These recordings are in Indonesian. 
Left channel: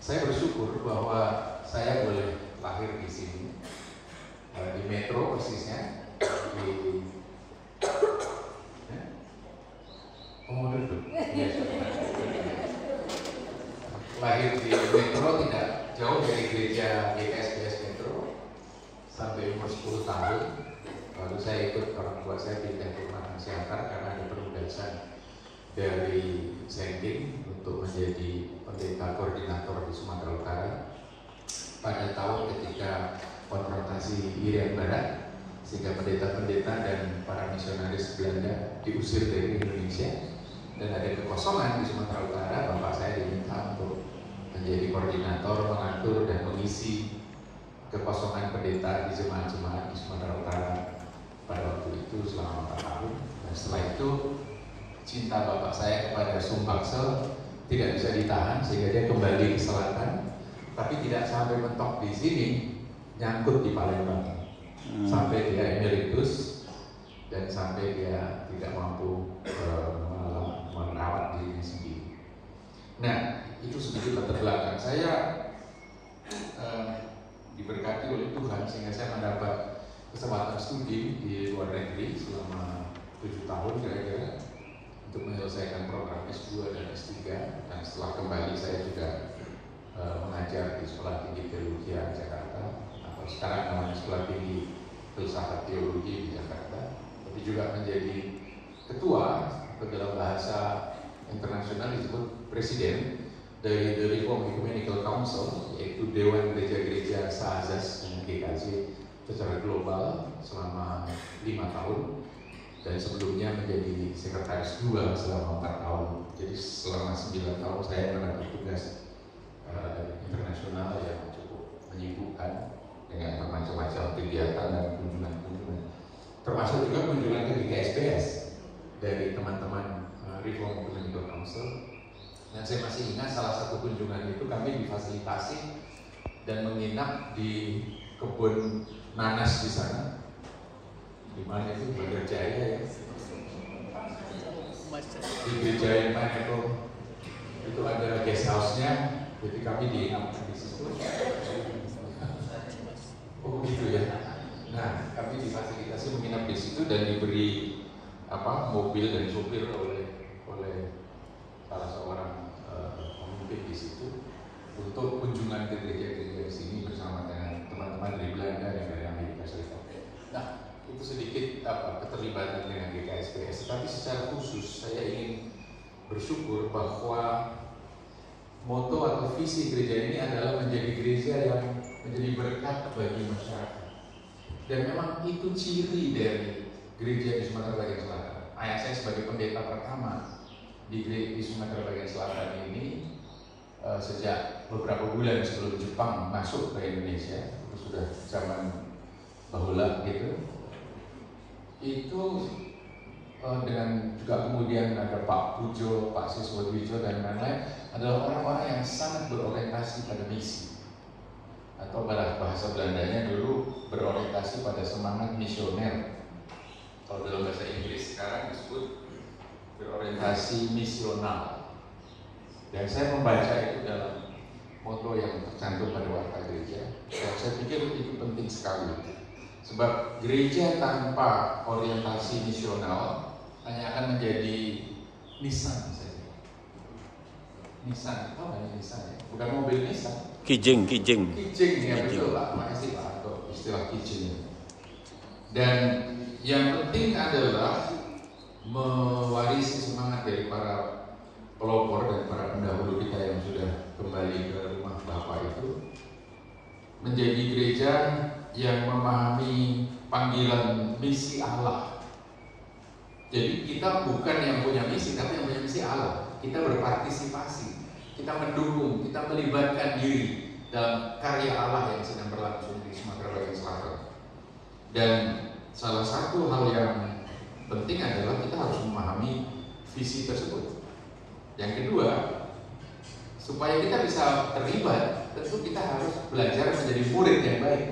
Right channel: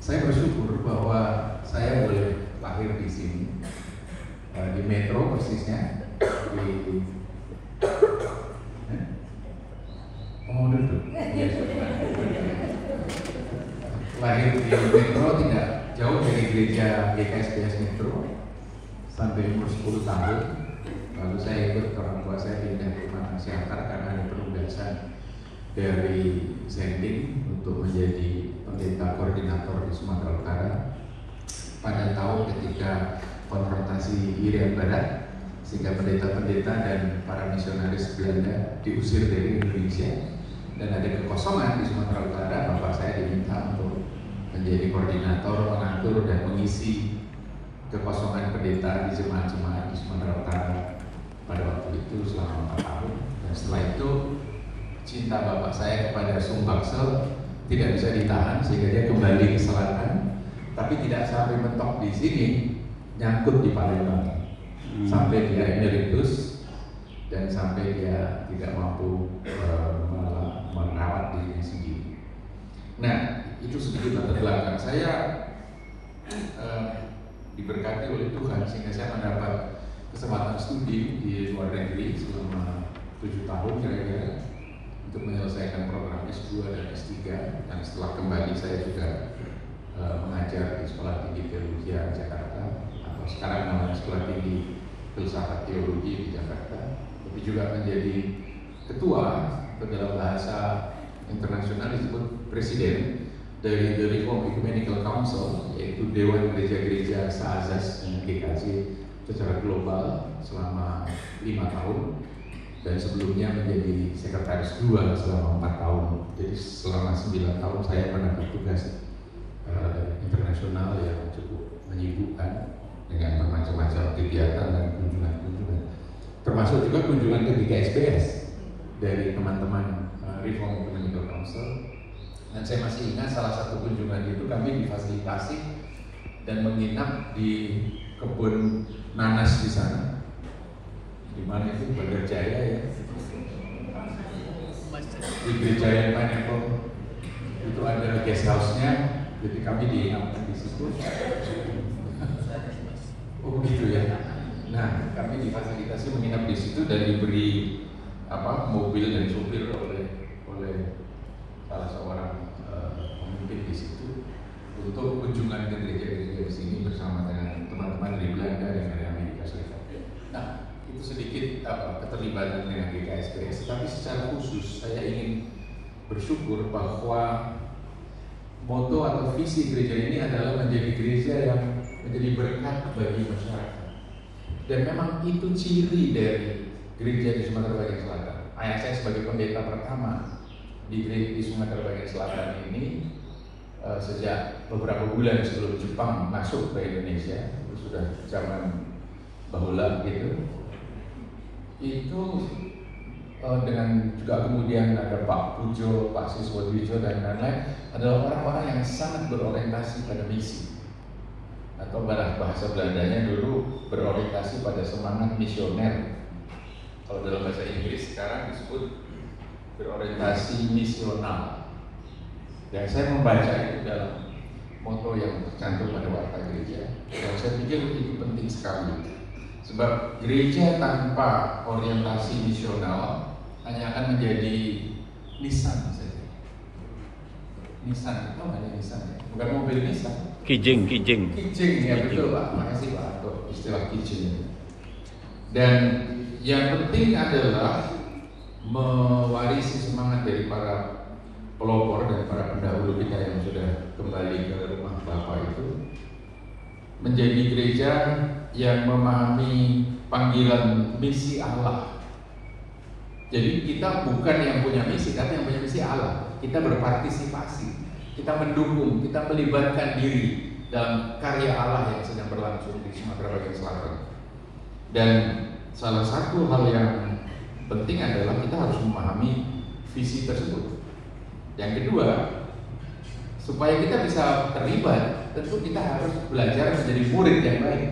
Saya bersyukur bahwa saya boleh lahir di sini, di Metro persisnya, di lahir di Metro, tidak jauh dari gereja GKSBS Metro sampai umur 10 tahun. Lalu saya ikut orang tua saya pindah ke rumah masyarakat karena ada penugasan dari Zendim untuk menjadi pendeta koordinator di Sumatera Utara pada tahun ketika konfrontasi Irian Barat, sehingga pendeta-pendeta dan para misionaris Belanda diusir dari Indonesia dan ada kekosongan di Sumatera Utara. Bapak saya diminta untuk menjadi koordinator, mengatur dan mengisi kekosongan pendeta di jemaat-jemaat di Sumatera Utara pada waktu itu selama 4 tahun. Dan setelah itu cinta bapak saya kepada Sumbaksel tidak bisa ditahan sehingga dia kembali ke selatan, tapi tidak sampai mentok di sini, nyangkut di Palembang sampai dia emeritus dan sampai dia tidak mampu merawat diri sendiri. Nah, itu sedikit latar belakang saya. Diberkati oleh Tuhan sehingga saya mendapat kesempatan studi di luar negeri selama 7 tahun kira-kira untuk menyelesaikan program S2 dan S3, dan setelah kembali saya juga mengajar di Sekolah Tinggi Teologi Jakarta, atau sekarang namanya Sekolah Tinggi Filsafat Teologi di Jakarta, tapi juga menjadi ketua atau dalam bahasa internasional disebut presiden dari The Reformed Ecumenical Council, yaitu Dewan Gereja-Gereja Se-Azaz dan GKJ secara global selama 5 tahun, dan sebelumnya menjadi sekretaris 2 selama 4 tahun. Jadi selama 9 tahun saya mendapat tugas internasional yang cukup menyibukkan dengan macam-macam kegiatan dan kunjungan-kunjungan, termasuk juga kunjungan ke GKSBS dari teman-teman Reformed Ecumenical Council. Dan saya masih ingat salah satu kunjungan itu kami difasilitasi dan menginap di kebun nanas di sana, di mana itu Bandar Jaya ya, di gereja yang Pineapple itu ada guest house-nya, jadi kami diinap di situ. Oh begitu ya. Nah, kami difasilitasi menginap di situ dan diberi mobil dan supir oleh salah seorang pemimpin di situ untuk kunjungan ke gereja-gereja di sini bersama dengan teman-teman dari Belanda dan dari Amerika Serikat. Nah, itu sedikit keterlibatan dengan GKSBS. Tapi secara khusus saya ingin bersyukur bahwa moto atau visi gereja ini adalah menjadi gereja yang menjadi berkat bagi masyarakat. Dan memang itu ciri dari gereja di Sumatera Bagian Selatan. Ayah saya sebagai pendeta pertama di Sumatera Bagian Selatan ini sejak beberapa bulan sebelum Jepang masuk ke Indonesia, sudah zaman bahula gitu. Itu dengan juga kemudian ada Pak Pujo, Pak Siswadwijo dan lain-lain, adalah orang-orang yang sangat berorientasi pada misi, atau bahasa Belandanya dulu berorientasi pada semangat misioner. Kalau dalam bahasa Inggris sekarang disebut berorientasi misional. Dan saya membaca itu dalam moto yang tercantum pada Warta Gereja, dan saya pikir itu penting sekali. Sebab gereja tanpa orientasi misional hanya akan menjadi nisan saja. Nisan itu hanya nisan ya? Bukan mobil Nissan. Kijing Ya betul Pak, makasih Pak untuk istilah kijing. Dan yang penting adalah mewarisi semangat dari para pelopor dan para pendahulu kita yang sudah kembali ke rumah Bapa itu, menjadi gereja yang memahami panggilan misi Allah. Jadi kita bukan yang punya misi, tapi yang punya misi Allah. Kita berpartisipasi, kita mendukung, kita melibatkan diri dalam karya Allah yang sedang berlangsung di Sumatera Bagian Selatan. Dan salah satu hal yang penting adalah kita harus memahami visi tersebut. Yang kedua, supaya kita bisa terlibat, tentu kita harus belajar menjadi murid yang baik.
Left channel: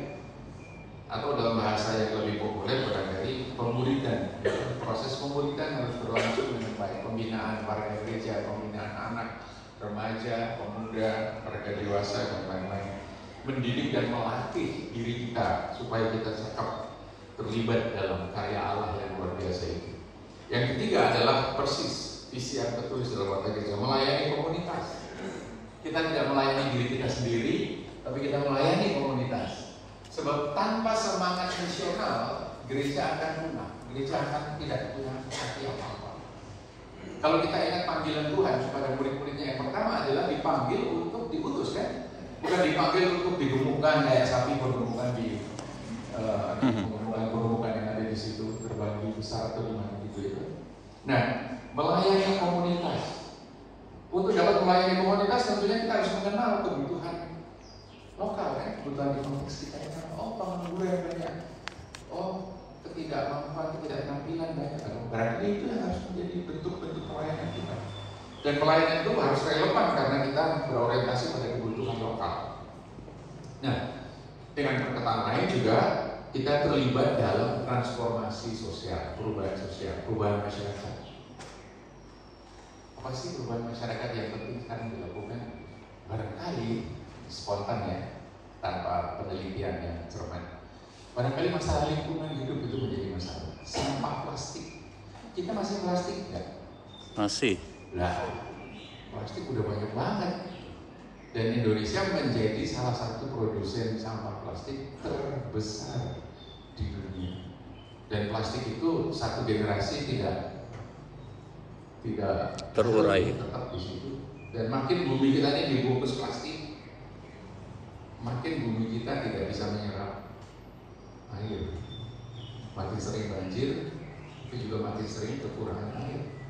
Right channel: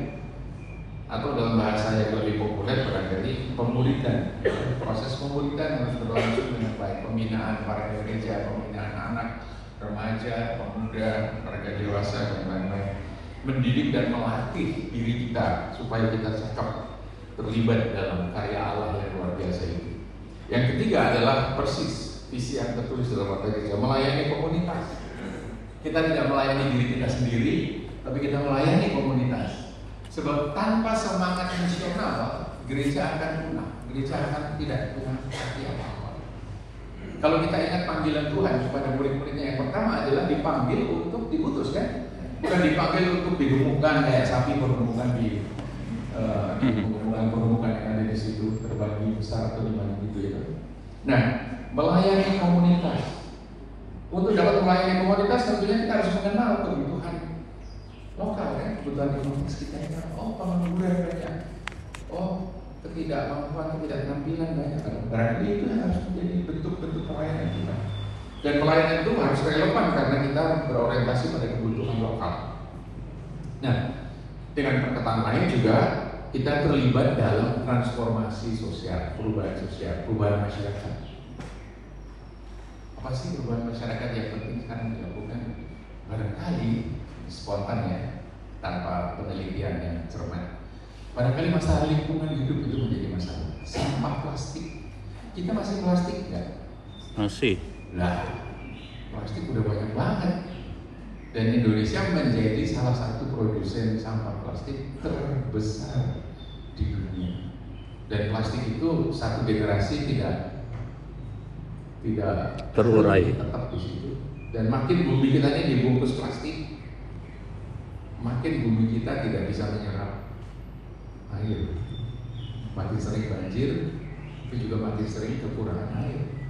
Atau dalam bahasa yang lebih populer barangkali pemuridan. Proses pemuridan harus berlangsung dengan baik. Pembinaan para gereja, pembinaan anak, remaja, remaja, pemuda, mereka dewasa dan lain-lain, mendidik dan melatih diri kita supaya kita cakap terlibat dalam karya Allah yang luar biasa ini. Yang ketiga adalah persis visi yang tertulis dalam kata kita, melayani komunitas. Kita tidak melayani diri kita sendiri, tapi kita melayani komunitas. Sebab tanpa semangat misional, gereja akan punah. Gereja akan tidak punya arti apa-apa. Kalau kita ingat panggilan Tuhan kepada murid-muridnya, yang pertama adalah dipanggil untuk diutus, kan? Bukan dipanggil untuk digemukkan kayak sapi bergemukan di bergemukan yang ada di situ, terbagi besar atau lima gitu ya. Nah, melayani komunitas. Untuk dapat melayani komunitas tentunya kita harus mengenal kebutuhan lokal, kan? Kebutuhan di komunitas kita. Oh, pengangguran banyak. Oh, ketidakmampuan, ketidakterampilan banyak. Berarti itu yang harus menjadi bentuk-bentuk pelayanan kita. Dan pelayanan itu harus relevan karena kita berorientasi pada kebutuhan lokal. Nah, dengan perkataan lain juga kita terlibat dalam transformasi sosial, perubahan masyarakat. Apa sih perubahan masyarakat yang penting sekarang dilakukan? Barangkali spontan ya, tanpa penelitian yang cermat. Barangkali masalah lingkungan hidup itu menjadi masalah. Sampah plastik, kita masih plastik nggak? Masih. Lah, plastik udah banyak banget. Dan Indonesia menjadi salah satu produsen sampah plastik terbesar di dunia. Dan plastik itu satu generasi tidak terurai. Tetap di situ. Dan makin bumi kita ini dibungkus plastik, makin bumi kita tidak bisa menyerap air. Makin sering banjir, tapi juga makin sering kekurangan air.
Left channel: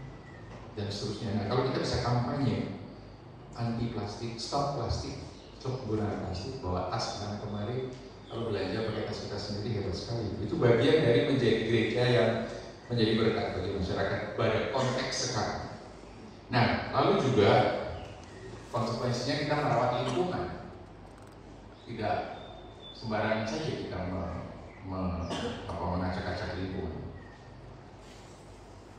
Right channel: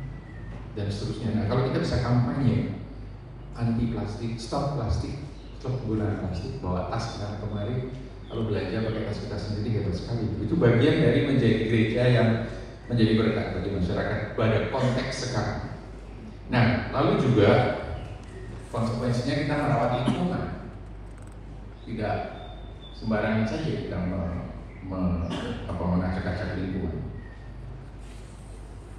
Dan seterusnya. Nah, kalau kita bisa kampanye anti plastik, stop penggunaan plastik, bawa tas kesana kemari, kalau belanja pakai tas sendiri hebat sekali. Itu bagian dari menjadi gereja yang menjadi berkat bagi masyarakat pada konteks sekarang. Nah, lalu juga konsekuensinya kita merawat lingkungan. Tidak sembarangan saja kita mengacak-acak lingkungan.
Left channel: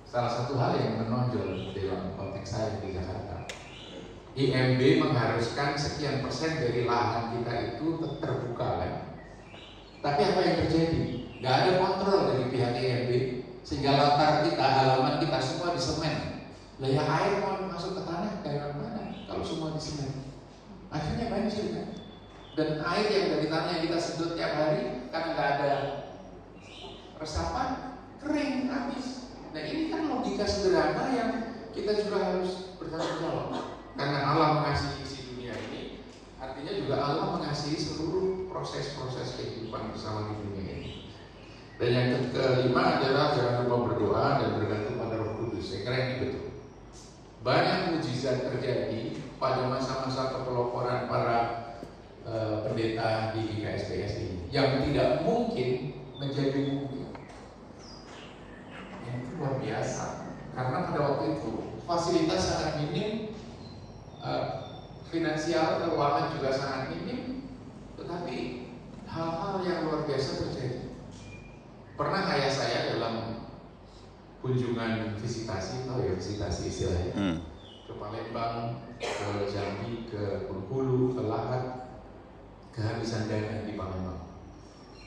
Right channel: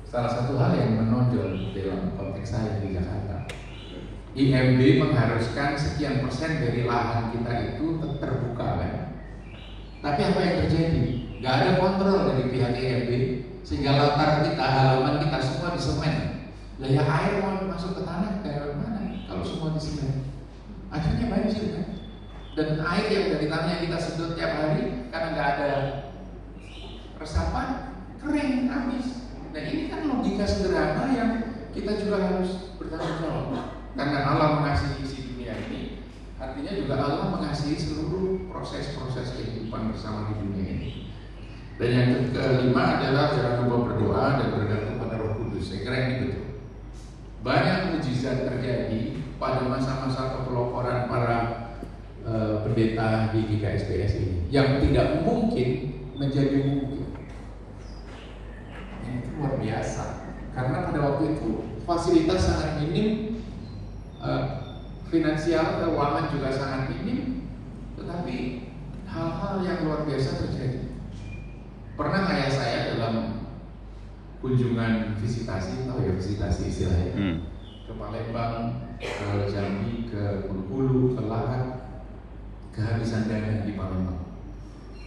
Salah satu hal yang menonjol dalam konteks saya di Jakarta, IMB mengharuskan sekian persen dari lahan kita itu terbuka, kan? Tapi apa yang terjadi? Gak ada kontrol dari pihak IMB, sehingga latar kita, halaman kita semua disemen. Nah, ya air mau masuk ke tanah dari mana? Kalau semua disemen, akhirnya banjir, kan? Dan air yang dari tanah yang kita sedot tiap hari, karena gak ada resapan, kering, habis. Nah, ini kan logika sederhana yang kita juga harus bertanggung jawab. Karena Allah mengasihi isi dunia ini, artinya juga Allah mengasihi seluruh proses-proses kehidupan bersama di dunia ini. Dan yang kelima adalah jangan lupa berdoa dan bergantung pada Roh Kudus. Saya kira ini betul. Banyak mujizat terjadi pada masa-masa kepeloporan para pendeta di GKSBS ini yang tidak mungkin menjadi mungkin. Ini luar biasa. Karena pada waktu itu fasilitas sangat minim, finansial keuangan juga sangat minim, tetapi hal-hal yang luar biasa terjadi. Pernah ayah saya dalam kunjungan visitasi, tahu ya visitasi istilahnya, ke Palembang, ke Jambi, ke Bengkulu, ke Lahat, kehabisan dana di Palembang.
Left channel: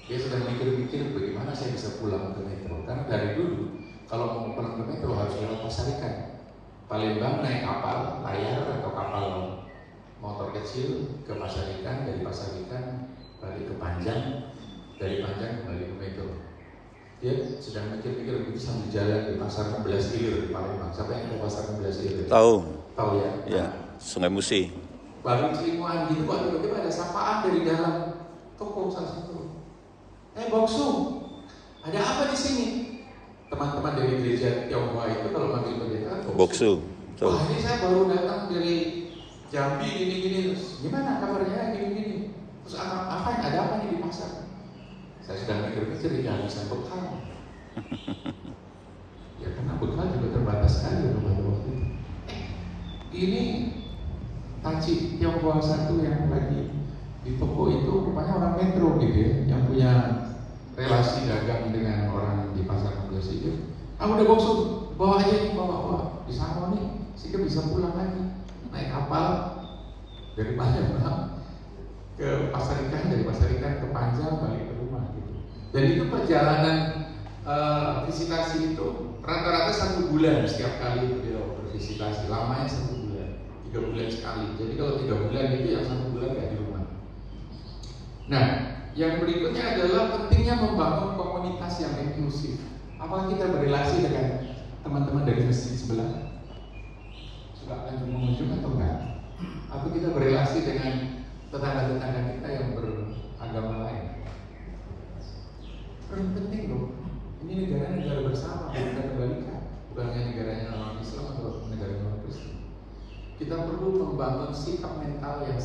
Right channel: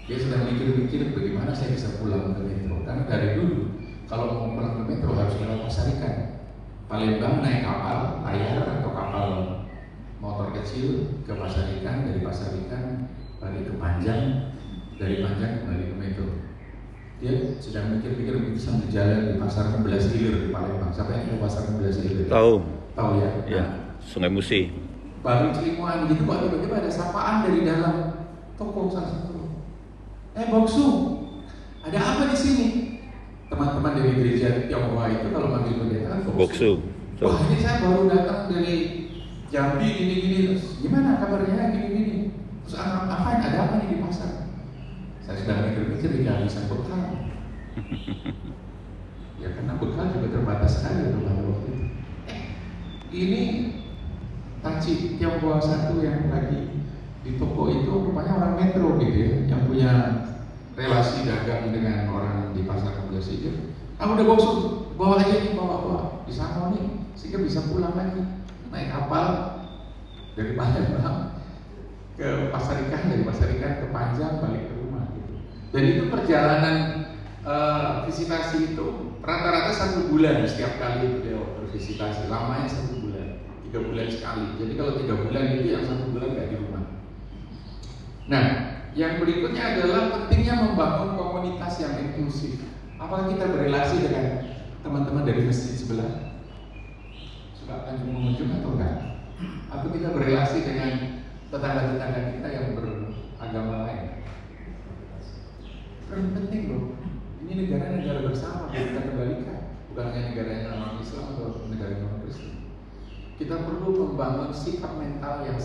Dia sedang mikir-mikir bagaimana saya bisa pulang ke Metro, karena dari dulu kalau mau pulang ke Metro harus lewat Pasar Ikan. Palembang naik kapal layar atau kapal motor kecil ke Pasar Ikan, dari Pasar Ikan balik ke Panjang, dari Panjang kembali ke Metro. Dia sedang mikir-mikir sambil jalan di Pasar 16 Ilir di Palembang. Siapa yang tahu Pasar 16 Ilir? Tahu. Tahu ya? Ya, Sungai Musi. Baru Cilimuan gitu, baru tiba-tiba ada sapaan dari dalam toko salah satu. Boksu, ada apa di sini? Teman-teman dari gereja Tionghoa itu kalau manggil pendeta Boksu. Wah, ini saya baru datang dari Jambi gini-gini, terus gimana kabarnya gini-gini, terus apa yang ada apa di pasar? Saya sudah mikir-mikir tidak bisa bekal. Ya karena bekal juga terbatas sekali pada waktu itu. Ini Taci Tionghoa satu yang lagi di toko itu rupanya orang Metro gitu ya, yang punya relasi dagang dengan orang di pasar Pulau Sikit. Kamu udah Boksu, bawa aja nih, bawa di sana nih, sehingga bisa pulang lagi naik kapal dari Palembang ke Pasar Ikan, dari Pasar Ikan ke Panjang balik ke rumah gitu. Dan itu perjalanan visitasi itu rata-rata 1 bulan setiap kali beliau bervisitasi, lamanya 1 bulan, 3 bulan sekali. Jadi kalau 3 bulan itu yang 1 bulan nggak di rumah. Nah, yang berikutnya adalah pentingnya membangun komunitas yang inklusif. Apakah kita berrelasi dengan teman-teman dari masjid sebelah? Suka akan mengunjung atau enggak? Atau kita berrelasi dengan tetangga-tetangga kita yang beragama lain? Kan penting loh. Ini negara bersama, kita kembalikan. Bukan hanya negaranya orang Islam atau negara non Kristen. Kita perlu membangun sikap mental yang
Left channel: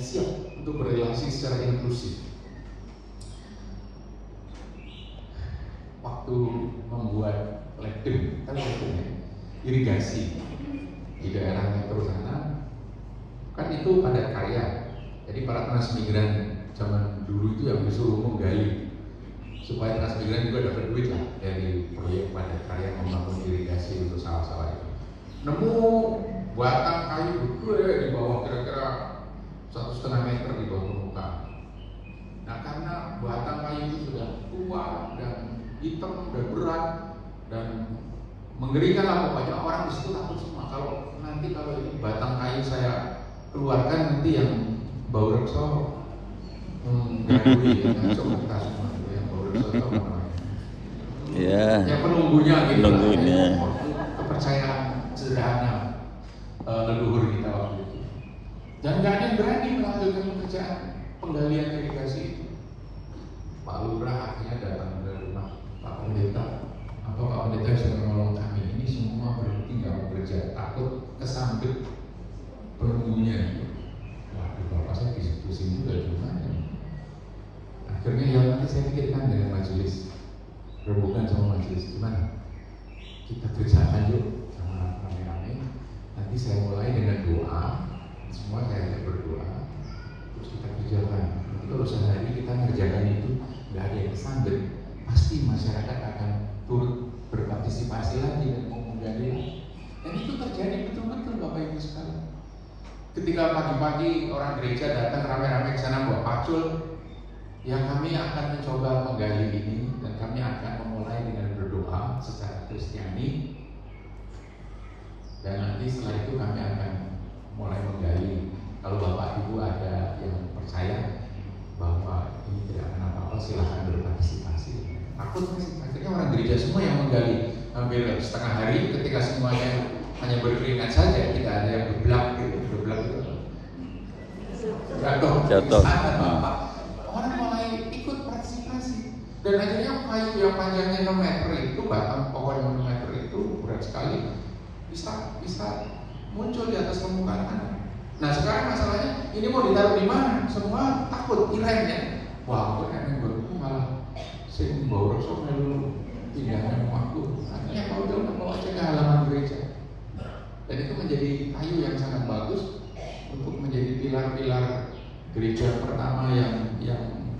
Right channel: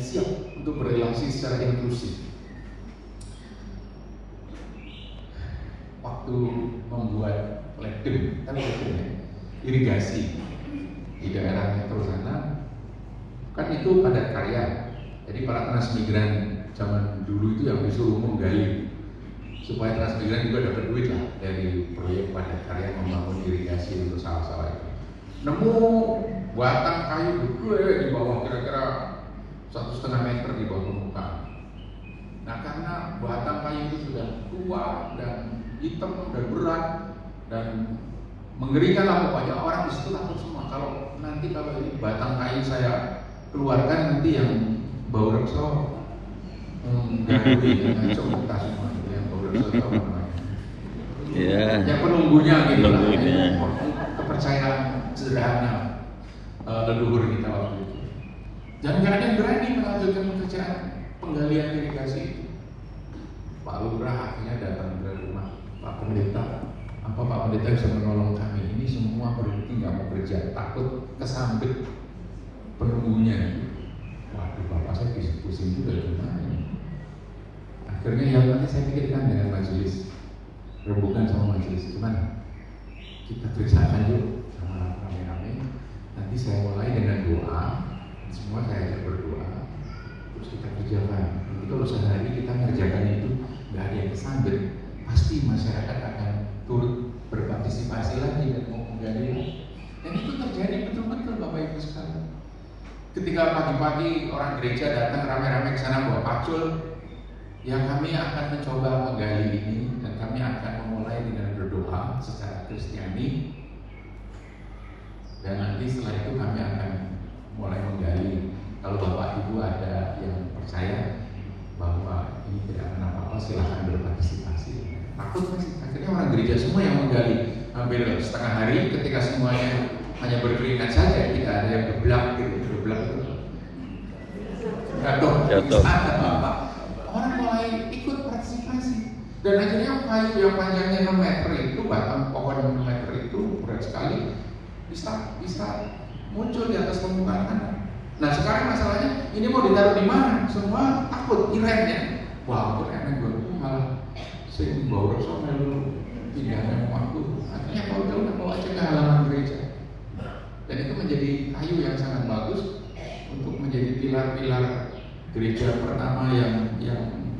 siap untuk berrelasi secara inklusif. Waktu membuat ledeng, kan irigasi di daerah metro sana, kan itu padat karya. Jadi para transmigran zaman dulu itu yang disuruh menggali supaya transmigran juga dapat duit lah dari proyek padat karya membangun irigasi untuk sawah-sawah itu. Nemu batang kayu gede di bawah kira-kira 1,5 meter di bawah permukaan. Nah karena batang kayu itu sudah tua dan hitam dan berat dan mengerikan lah pokoknya, orang di situ takut semua. Kalau ini batang kayu saya keluarkan nanti yang bau rekso mengganggu langsung kita semua yang bau rekso yang penunggunya gitu, kepercayaan sederhana leluhur kita waktu itu. Dan nggak ada yang berani melanjutkan pekerjaan penggalian irigasi itu. Pak Lurah akhirnya datang ke rumah Pak Pendeta. Apa Pak Pendeta bisa menolong kami? Ini semua berhenti nggak mau kerja, takut kesambet penunggunya. Waduh, Bapak saya pusing juga gimana. Akhirnya ya nanti saya pikirkan dengan majelis, rebukan sama majelis, gimana? Kita kerjakan yuk, rame-rame. Nanti saya mulai dengan doa, semua saya ajak berdoa, terus kita kerjakan. Nanti kalau sehari kita ngerjakan itu nggak ada yang kesambet, pasti masyarakat akan turut berpartisipasi lagi dan mau menggali. Dan itu terjadi betul-betul Bapak Ibu sekalian. Ketika pagi-pagi orang gereja datang ramai-ramai ke sana bawa pacul, yang kami akan mencoba menggali ini dan kami akan memulai dengan berdoa secara Kristiani. Dan nanti setelah itu kami akan mulai menggali. Kalau Bapak Ibu ada yang percaya bahwa ini tidak akan apa-apa, silahkan berpartisipasi. Takut sih, akhirnya orang gereja semua yang menggali hampir setengah hari. Ketika semuanya hanya berkeringat saja, tidak ada yang geblak gitu, jatuh. Orang mulai ikut partisipasi. Dan akhirnya kayu yang panjangnya 6 meter itu, batang pohon 6 meter itu berat sekali, bisa muncul di atas permukaan. Nah sekarang masalahnya ini mau ditaruh di mana? Semua takut irengnya. Wah itu kan gue malah sih bawa sama dulu tidak ada yang waktu. Artinya kalau dulu bawa aja ke halaman gereja. Dan itu menjadi kayu yang sangat bagus untuk menjadi pilar-pilar gereja pertama yang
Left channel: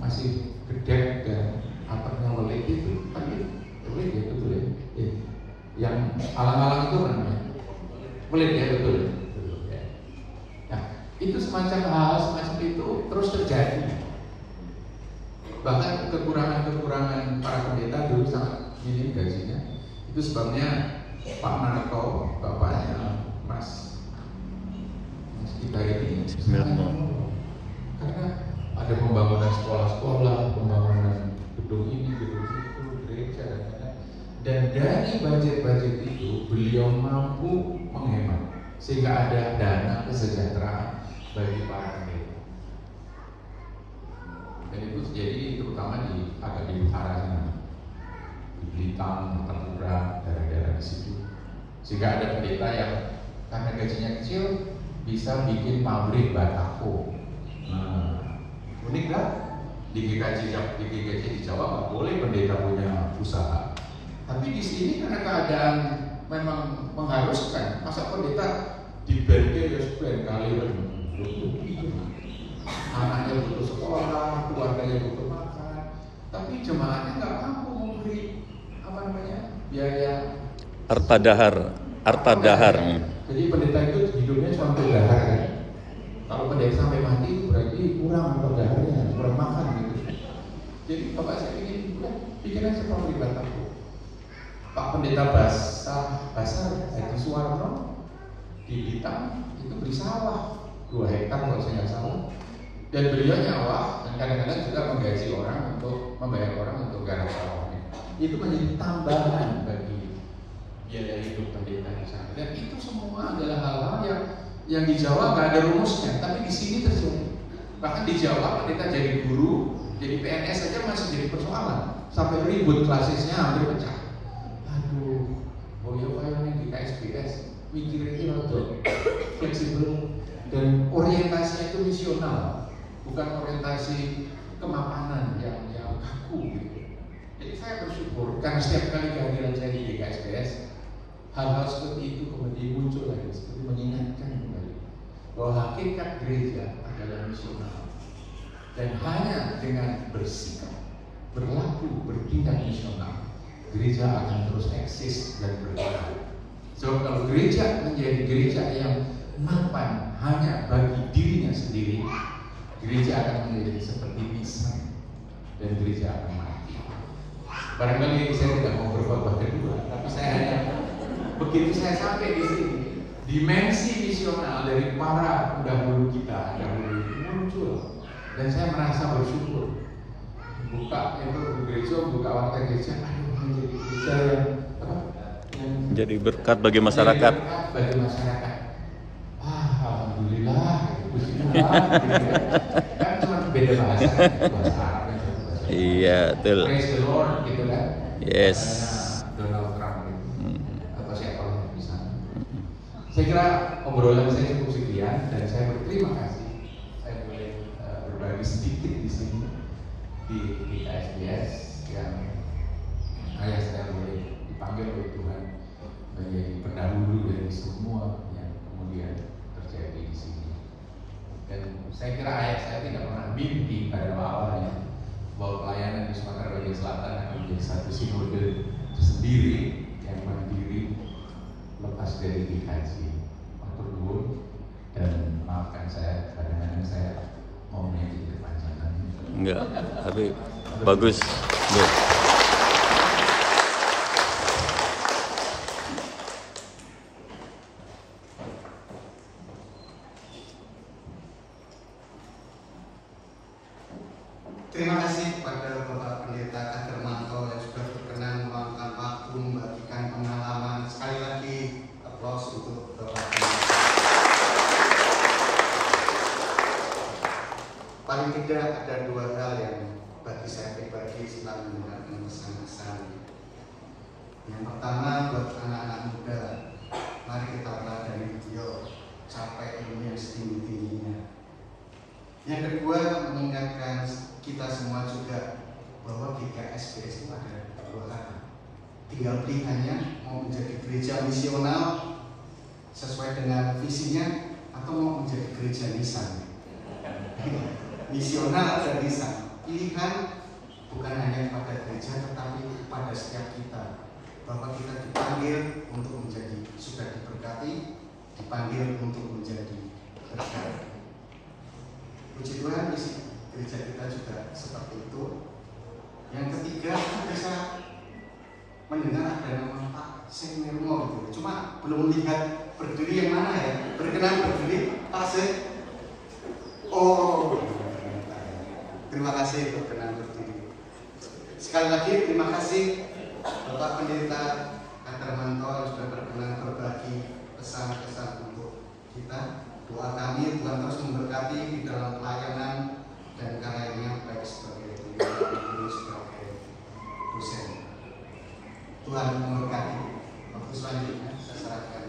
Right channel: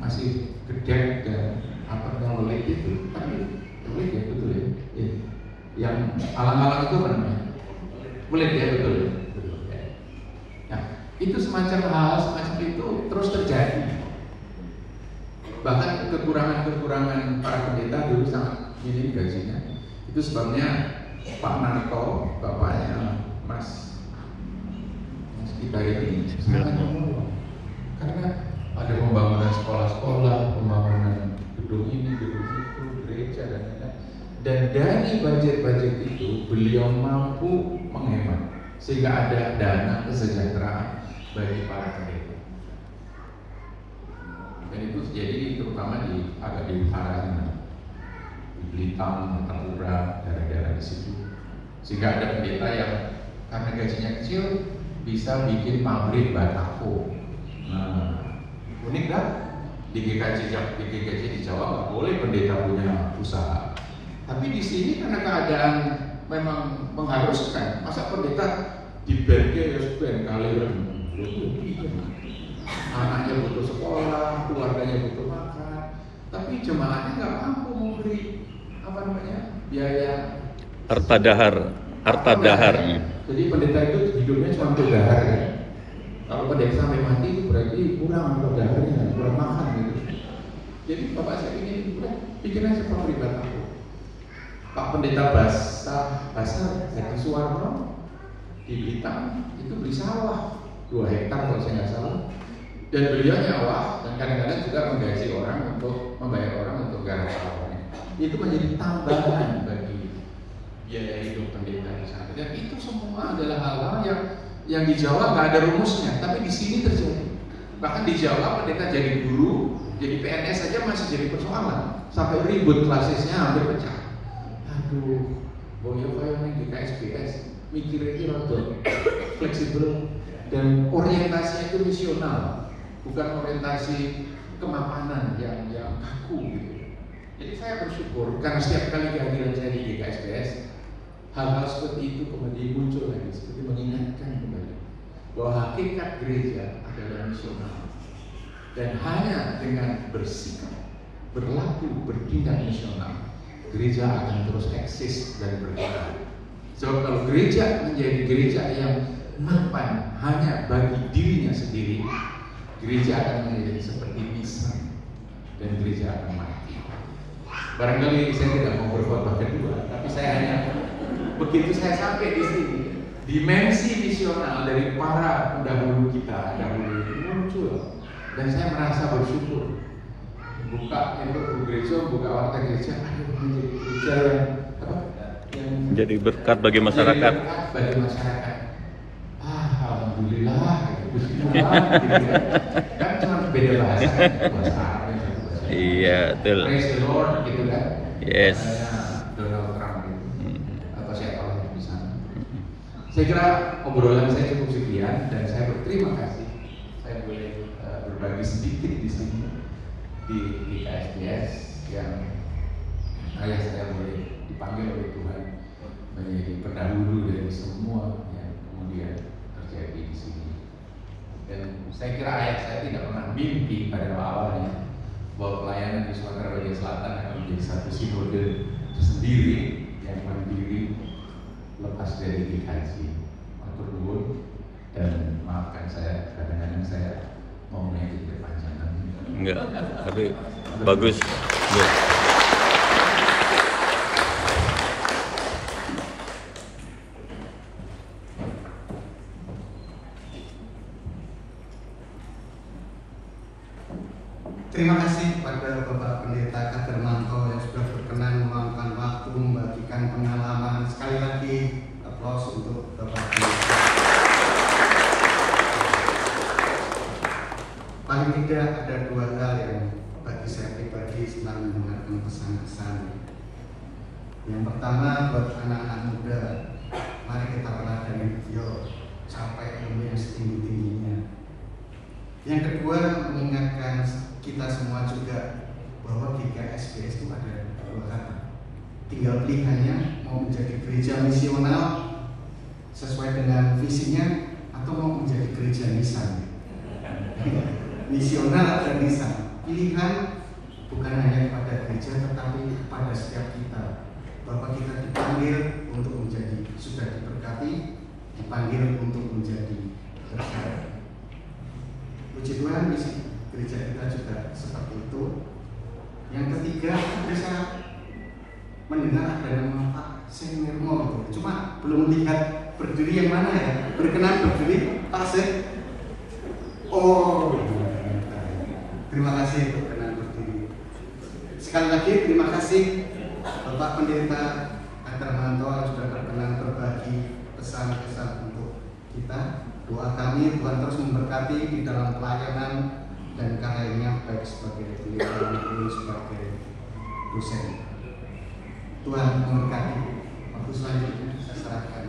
masih gede dan atapnya melek itu. Tapi melek ya betul ya. Ya. Yang alang-alang itu kan melek ya betul. Nah, itu semacam hal semacam itu terus terjadi. Bahkan kekurangan para pendeta dulu sangat minim gajinya. Itu sebabnya Pak Narto, bapaknya Mas kita ini sangat menolong. Karena ada pembangunan sekolah-sekolah, pembangunan gedung ini, gedung itu, gereja dan lain-lain. Dan dari budget-budget itu beliau mampu menghemat sehingga ada dana kesejahteraan bagi para pendeta. Dan itu jadi terutama agak di utara sana, di Blitar, Madura, daerah-daerah di situ. Sehingga ada pendeta yang karena gajinya kecil bisa bikin pabrik batako. Nah, unik kan? Di GKJ di Jawa nggak boleh pendeta punya usaha. Tapi di sini karena keadaan memang mengharuskan, masa pendeta di berge respen kalian anaknya butuh sekolah, keluarganya butuh makan, tapi jemaahnya nggak mampu memberi biaya harta dahar. Jadi pendeta itu hidupnya cuma untuk dahar ya. Kalau boleh sampai mati itu berarti kurang darahnya, kurang makan gitu. Jadi Bapak saya ingin pikiran seperti pribadi aku. Pak Pendeta Basar Hadi Suwarno di Blitar itu beli sawah 2 hektar kalau saya nggak salah, dan beliau nyawa dan kadang-kadang juga menggaji orang untuk membayar orang untuk garap sawahnya. Itu menjadi tambahan bagi biaya hidup pendeta di sana. Dan itu semua adalah hal-hal yang di Jawa nggak ada rumusnya, tapi di sini terjadi. Bahkan di Jawa pendeta jadi guru, jadi PNS saja masih jadi persoalan, sampai ribut klasisnya hampir pecah. Aduh, boyo kayaknya di KSBS mikirnya rada fleksibel dan orientasinya itu misional, bukan orientasi kemapanan yang kaku gitu. Jadi saya bersyukur karena setiap kali kehadiran saya di KSBS, hal-hal seperti itu kemudian muncul lagi, seperti mengingatkan kembali bahwa hakikat gereja adalah misional, dan hanya dengan bersikap, berlaku, bertindak misional, gereja akan terus eksis dan berkembang. Sebab kalau gereja menjadi gereja yang mapan hanya bagi dirinya sendiri, gereja akan menjadi seperti pisang dan gereja akan mati. Barangkali saya tidak mau berkhotbah kedua, tapi saya hanya begitu saya sampai di sini, dimensi misional dari para pendahulu kita dahulu itu muncul, dan saya merasa bersyukur. Buka itu gereja, buka warta gereja, menjadi gereja yang Jadi berkat bagi masyarakat. Bagi masyarakat. Alhamdulillah. Kan cuma beda bahasa Arab. Iya, betul. Praise the Lord gitu kan. Yes. Donald Trump itu. Atau siapa lagi di sana. Saya kira obrolan saya cukup sekian dan saya berterima kasih saya boleh berbagi sedikit di sini di KSBS yang saya boleh dipanggil oleh Tuhan menjadi pendahulu dari semua yang kemudian terjadi di sini. Dan saya kira ayah saya tidak pernah mimpi pada awalnya bahwa pelayanan di Sumatera Bagian Selatan akan menjadi satu sinode tersendiri yang mandiri lepas dari dikaji. Untuk nuwun dan maafkan saya kadang-kadang saya mau menjadi kepanjangan. Enggak, tapi bagus. Good. Terima kasih kepada Bapak Pendeta Kadermanto yang sudah berkenan meluangkan waktu membagikan pengalaman. Sekali lagi aplaus untuk Bapak Pendeta. Paling tidak ada 2 hal yang bagi saya pribadi setelah mendengarkan pesan-pesan. Yang pertama, buat anak-anak muda, mari kita meladani beliau, capai ilmu yang setinggi-tingginya. Yang kedua, mengingatkan kita semua juga bahwa GKSBS itu ada 2 kata. Tinggal pilihannya mau menjadi gereja misional sesuai dengan visinya atau mau menjadi gereja nisan. Misional dan nisan. Pilihan bukan hanya kepada gereja tetapi kepada setiap kita. Bahwa kita dipanggil untuk menjadi sudah diberkati, dipanggil untuk menjadi berkat. Puji Tuhan, misi gereja kita juga seperti itu. Yang ketiga, bisa mendengar ada nama Pak Senirmo gitu. Cuma belum melihat berdiri yang mana ya. Berkenan berdiri Pak Sen. Oh, terima kasih berkenan berdiri. Sekali lagi terima kasih Bapak Pendeta Kadermanto yang sudah berkenan berbagi pesan-pesan untuk kita. Doa kami Tuhan terus memberkati di dalam pelayanan dan karyanya baik sebagai pendeta maupun sebagai dosen. Tuhan memberkati. Waktu selanjutnya saya serahkan.